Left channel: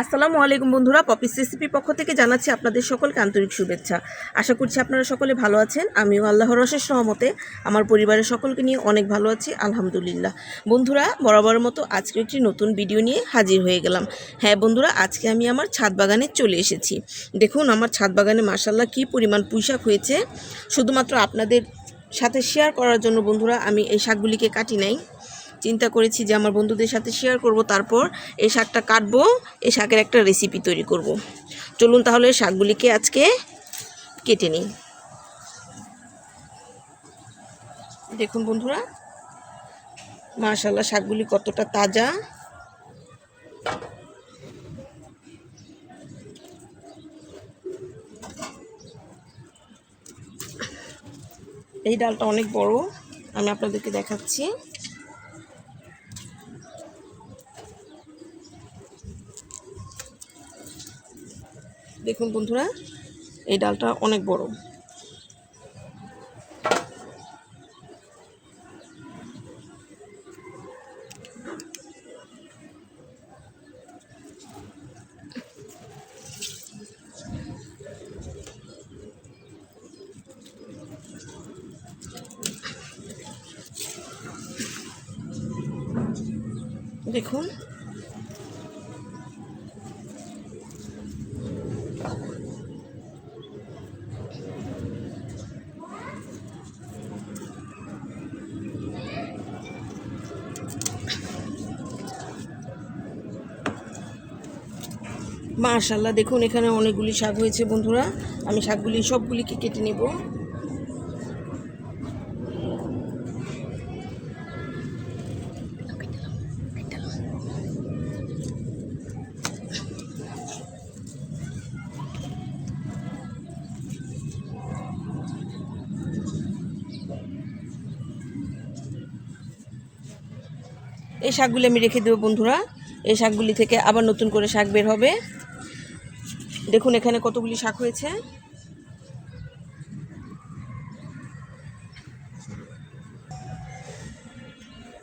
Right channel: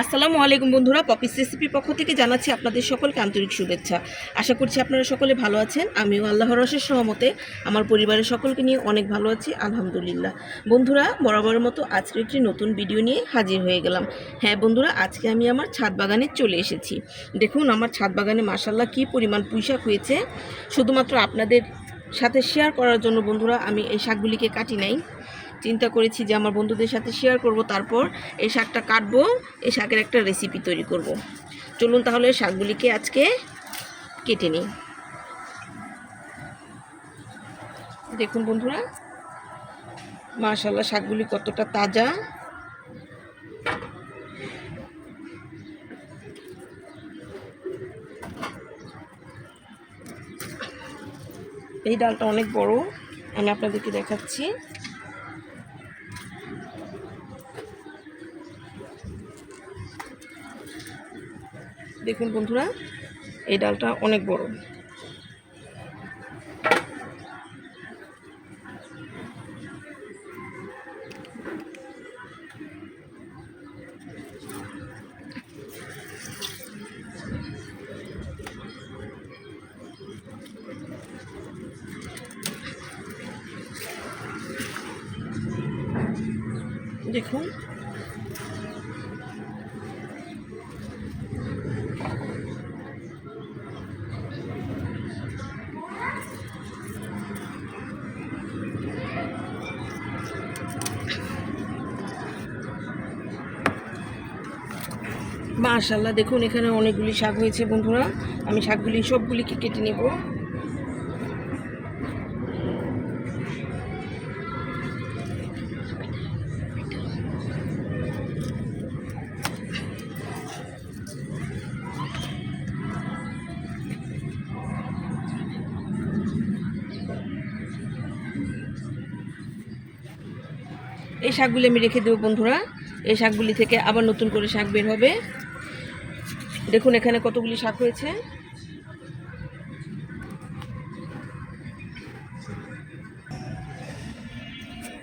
আসসালামু আলাইকুম বন্ধুরা, পপিস রেসিপির পক্ষ থেকে জানাচ্ছি আপনাদের সকলকে আন্তরিক শুভেচ্ছা। আশা করছি আপনারা সকলে ভালো আছেন। আমিও আল্লাহর অশেষ রহমতে আমার পরিবারের সকলকে নিয়ে অনেক ভালো আছি, আলহামদুলিল্লাহ। বন্ধুরা, বরাবরের মতো আজকে একটি নতুন ভিডিও নিয়ে হাজির হয়ে গেলাম। হ্যাঁ বন্ধুরা, আজকে আমি আমার ছাদ বাগানে চলে এসেছি। দেখুন আমার ছাদ বাগানে মাশাআল্লাহ কী পরিমাণ পুঁইশাক হয়েছে। শুধুমাত্র আপনাদের সাথে শেয়ার করার জন্য বন্ধুরা আমি এই শাকগুলিকে কাটি নাই। চিন্তা করেছি যে আমার বন্ধুদের সাথে শেয়ার করব, তারপর এই শাকটা কাটবো, এই শাকের একটা রেসিপি তৈরি করব। চলুন তাহলে শাকগুলিকে আজকে কেটে নিই। দেখুন বন্ধুরা, মাশাআল্লাহ শাকগুলি কতটা তাজা। এই ডালটা অনেক বড়, আমি আপনাদেরকে দেখাচ্ছি। দেখুন বন্ধুরা, এই ডালটা অনেক বড়। দেখুন মাশাআল্লাহ, দেখুন এখানে অনেকগুলি শাক হয়েছে বন্ধুরা। আমি শাকগুলি সবগুলিকে কেটে নেব। এই শাকগুলি আমি রেখে দেবো বন্ধুরা। এই শাকগুলি থেকে আবার নতুন করে শাক বের হবে। দেখুন এখানে কতগুলি শাক হয়েছে।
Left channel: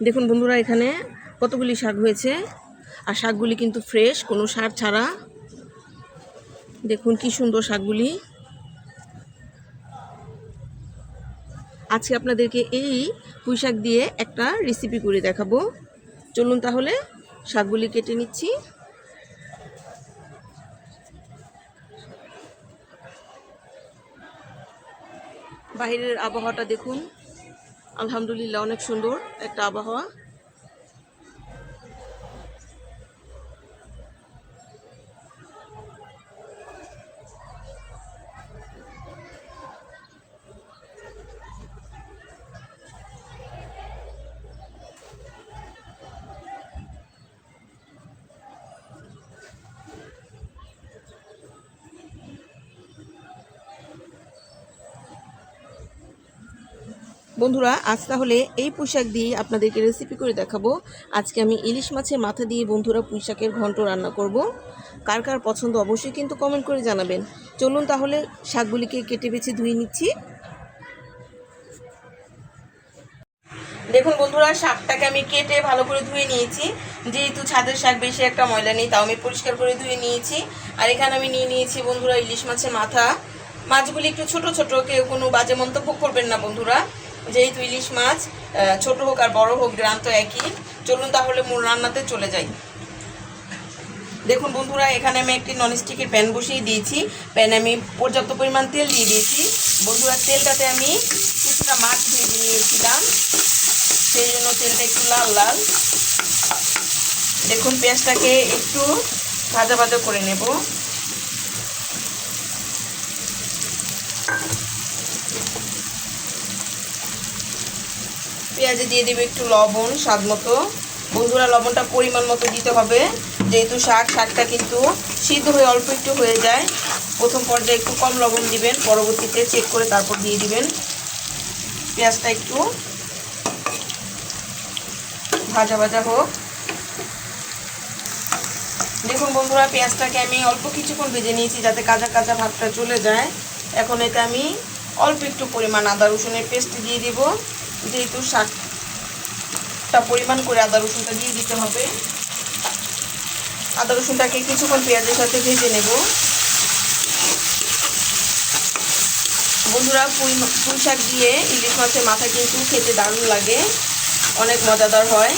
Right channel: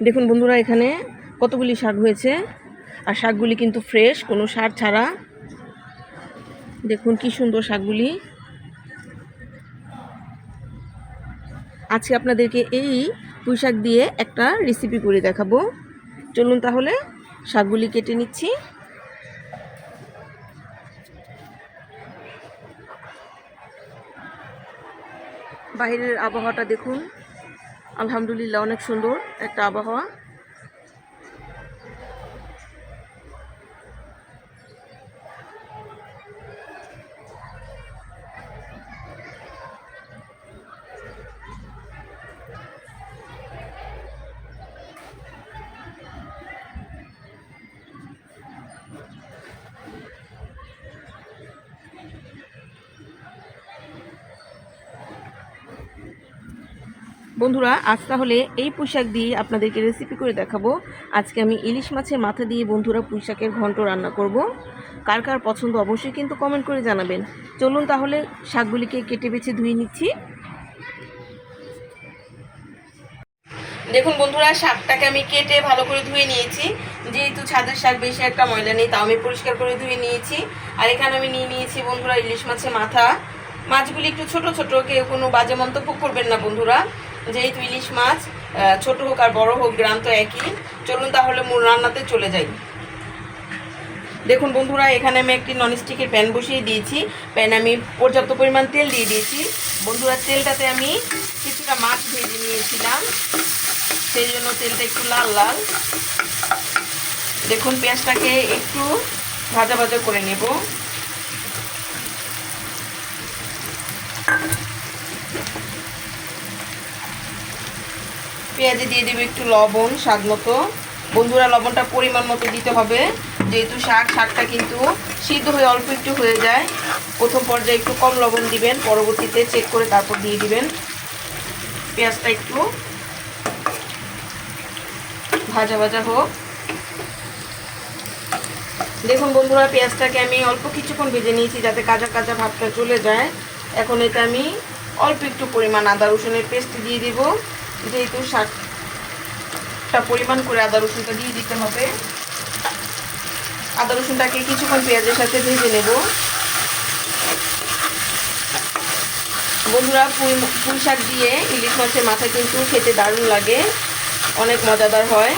দেখুন বন্ধুরা, এখানে কতগুলি শাক হয়েছে, আর শাকগুলি কিন্তু ফ্রেশ, কোনো সার ছাড়া। দেখুন কি সুন্দর শাকগুলি। আজকে আপনাদেরকে এই পুঁই শাক দিয়ে একটা রেসিপি করে দেখাবো। চলুন তাহলে শাকগুলি কেটে নিচ্ছি। বাইরের আবহাওয়াটা দেখুন, আলহামদুলিল্লাহ অনেক সুন্দর একটা আবহাওয়া। বন্ধুরা, আজ তাহলে এই পুঁইশাক দিয়ে আপনাদেরকে রেসিপি করে দেখাবো। আজকে আমি ইলিশ মাছের মাথা দিয়ে বন্ধুরা পুঁইশাকের ঘন্ট রান্না করব। কার কার পছন্দ অবশ্যই কিন্তু কমেন্ট করে জানাবেন। চলুন তাহলে শাকগুলিকে কেটে বেছে ধুয়ে নিচ্ছি। দেখুন বন্ধুরা, শাকটাকে আমি কেটে ভালো করে ধুয়ে নিয়েছি। যেহেতু ছাদের শাক বেশি একটা ময়লা নেই, তাও আমি পরিষ্কার করে ধুয়ে নিয়েছি। আর এখানে আমি নিয়ে নিয়েছি বন্ধুরা ইলিশ মাছের মাথা। মাছগুলি একটু ছোট ছোট, কেউ কোনো বাজে মন্তব্য করবেন না বন্ধুরা। যেহেতু ইলিশ মাছ ছোট হোক আর বড় হোক, গ্রাম তো একই। চলুন তাহলে মূল রান্নাতে চলে যাই। দেখুন বন্ধুরা, এখানে আমি একটি ননস্টিকের প্যান বসিয়ে দিয়েছি। প্যানে আমি পর্যাপ্ত পরিমাণ তেল দিয়ে দিয়েছি। বন্ধুরা, তেলটাতে আমি কিছুটা মাছ ভেজে নিয়েছিলাম, সেই জন্য তেলটা একটু লাল লাল। দেখুন পেঁয়াজটাকে একটু ভাজা ভাজা করে নেব। পেঁয়াজে দিয়ে দেবো একটু লবণ স্বাদ মতো। বন্ধুরা, লবণটা পরিমাণ মতো দিতে হবে, যেহেতু শাকটা কিন্তু সিদ্ধ হয়ে অল্প একটু হয়ে যায়। প্রথম পর্যায়ে একটু কম লবণ দিবেন, পরবর্তীতে চেক করে তারপর দিয়ে দিবেন। পেঁয়াজটা একটু ভাজা ভাজা হোক। দেখুন বন্ধুরা, পেঁয়াজটাকে আমি অল্প কিছুক্ষণ ভেজে নিয়েছি যাতে কাঁচা কাঁচা ভাবটা চলে যায়। এখন এতে আমি অল্প একটু পরিমাণ আদা রসুনের পেস্ট দিয়ে দিব। যেহেতু শাকটা পরিমাণ করে আদা রসুনটা দিয়ে দিতে হবে। আদা রসুনটাকে কিছুক্ষণ পেঁয়াজের সাথে ভেজে নেব। বন্ধুরা, পুঁই শাক দিয়ে ইলিশ মাছের মাথা কিন্তু খেতে দারুণ লাগে, অনেক মজাদার হয়।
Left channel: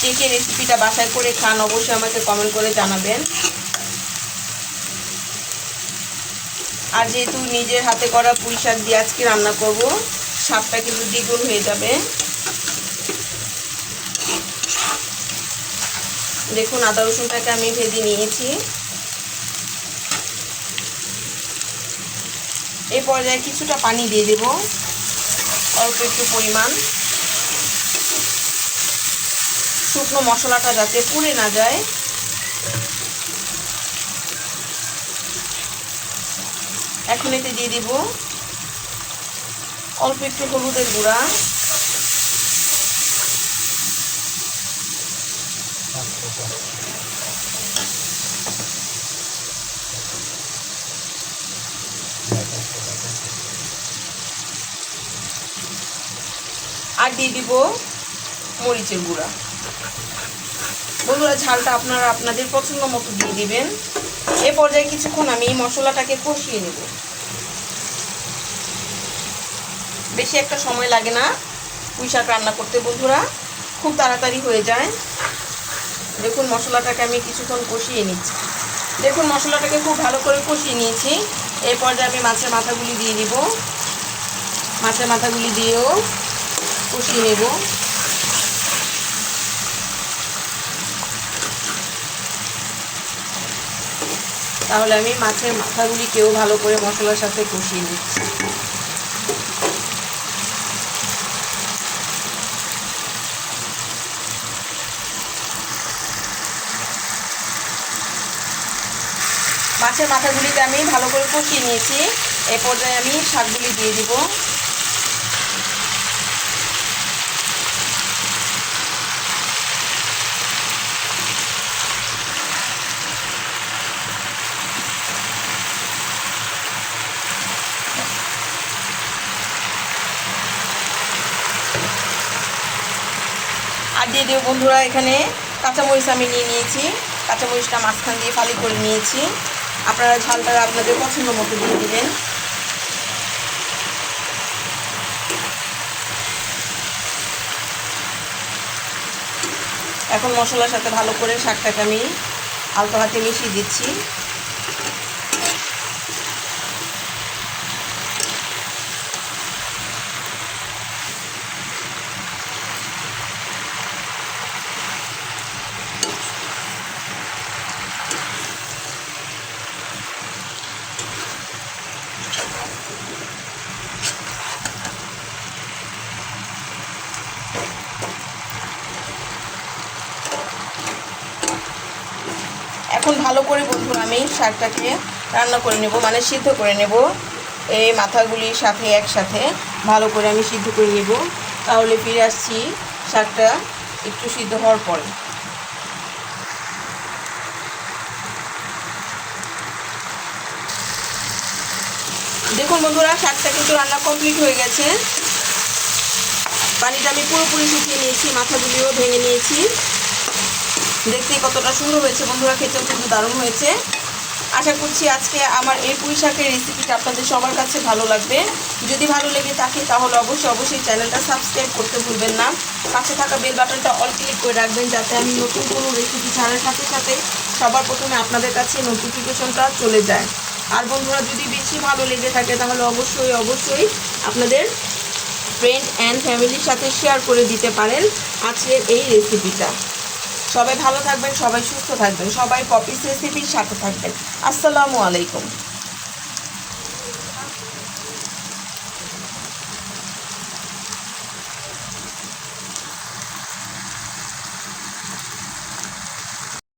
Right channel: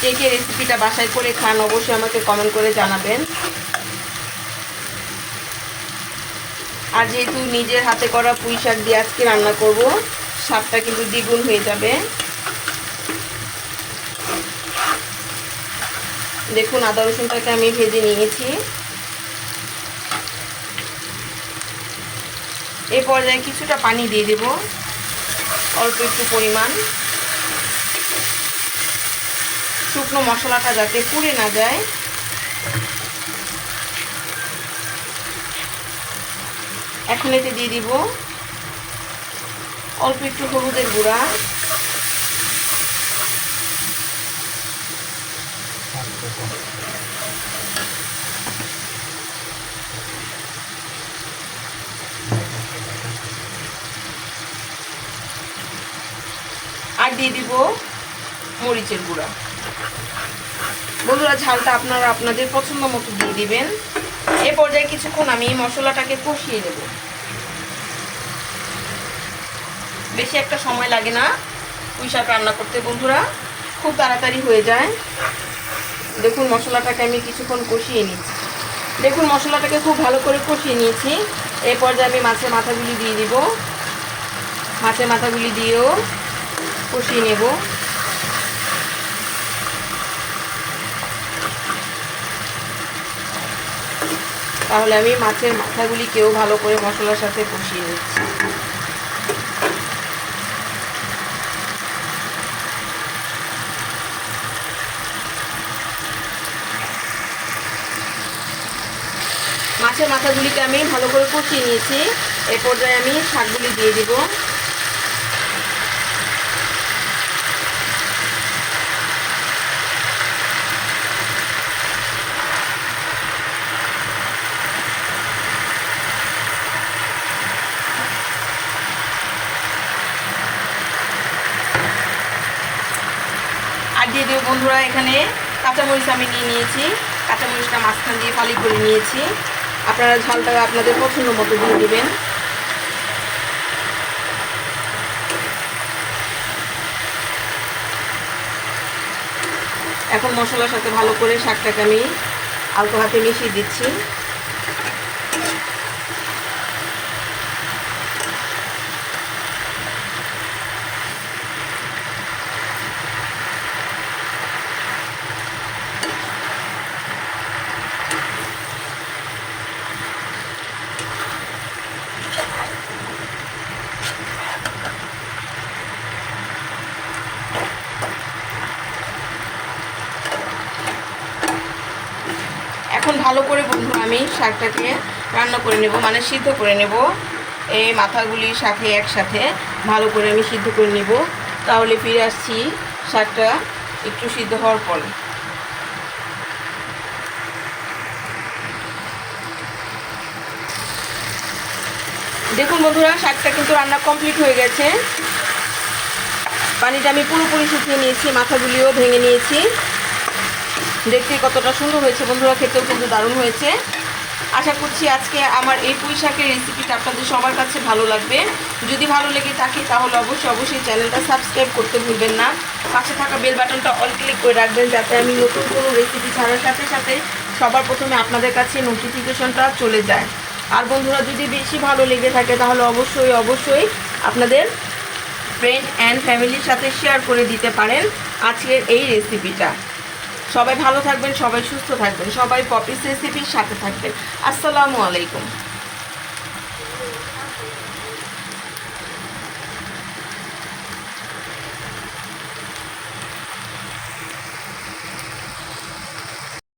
কে কে রেসিপিটা বাসায় করে খান অবশ্যই আমাকে কমেন্ট করে জানাবেন। আর যেহেতু নিজের হাতে করা পুঁই শাক দিয়ে আজকে রান্না করব, স্বাদটা কিন্তু দ্বিগুণ হয়ে যাবে। দেখুন, আদা রসুনটাকে আমি ভেজে নিয়েছি। এই পর্যায়ে কিছুটা পানি দিয়ে দেব, অল্প একটু পরিমাণ, শুকনো মশলাটা যাতে পুড়ে না যায়। এখন এতে দিয়ে দিব অল্প একটু হলুদের গুঁড়া, আর দিয়ে দিব মরিচের গুঁড়া। বন্ধুরা, ঝালটা আপনারা আপনাদের পছন্দ মতো দিয়ে দিবেন। এ পর্যায়ে কিছুক্ষণ আমি মশলাটাকে কষিয়ে নেব। বেশি একটা সময় লাগে না পুঁই শাক রান্না করতে বন্ধুরা, খুব তাড়াতাড়ি হয়ে যায়। দেখুন, মশলাটাকে আমি কিছুক্ষণ কষিয়ে নিচ্ছি। দেখুন, মশলাটাকে খুব ভালো করে কষিয়ে নিয়েছি। এই পর্যায়ে আমি মাছের মাথাগুলি দিয়ে দিব। মাছের মাথাগুলি দিয়েও কষিয়ে নেব। তাহলে আমি মাছের মাথাগুলিকেও ভালো করে মশলার সাথে কষিয়ে নিচ্ছি। মাছের মাথাগুলিকে আমি ভালো করে কষিয়ে নিয়েছি। এই পর্যায়ে আমি শাকগুলি দিয়ে দিব। আর দিয়ে দেবো বন্ধুরা, এখানে কাঁচামরিচ আমি নিয়ে নিয়েছি। কাঁচামরিচটা মাঝখান দিয়ে ফালি করে নিয়েছি। আপনারা ঝালটা আপনাদের পছন্দ মতো দিয়ে দেবেন। এখন মশলার সাথে ভালো করে শাকটাকে আমি আলতো হাতে মিশিয়ে দিচ্ছি। এখন ভালো করে বন্ধুরা আমি শাকটাকে রান্না করে নেব, মানে সিদ্ধ করে নেব। এই মাথাগুলির সাথে একসাথে ভালো করে আমি সিদ্ধ করে নেব। তাহলে ফিরে আসছি শাকটা একটু সিদ্ধ হওয়ার পর। দেখুন বন্ধুরা, শাকটা কিন্তু রান্না কমপ্লিট হয়ে গেছে। পানিটা আমি পুরোপুরি শুকিয়ে নিয়েছি, মাথাগুলিও ভেঙে নিয়েছি। দেখতে কতটা সুন্দর হয়েছে বন্ধুরা, খেতেও কিন্তু দারুণ হয়েছে। আশা করছি আজকে আমার এই পুঁই শাকের রেসিপিটা আপনাদের সবার কাছে ভালো লাগবে। যদি ভালো লেগে থাকে তাহলে অবশ্যই চ্যানেলটা সাবস্ক্রাইব করতে ভুলবেন না। পাশে থাকা বেল বাটনটা অল ক্লিক করে রাখবেন, যাতে আমি নতুন কোনো রেসিপি ছাড়ার সাথে সাথে সবার প্রথমে আপনাদের কাছে নোটিফিকেশনটা চলে যায়। আর বন্ধুরা, যদি বেশি ভালো লেগে থাকে তাহলে অবশ্যই আপনাদের ফ্রেন্ড অ্যান্ড ফ্যামিলির সাথে শেয়ার করে দিতে পারেন আজকের এই রেসিপিটা। সবাই ভালো থাকবেন, সবাই সুস্থ থাকবেন, সবাই পপিস রেসিপির সাথে থাকবেন। আসসালামু আলাইকুম।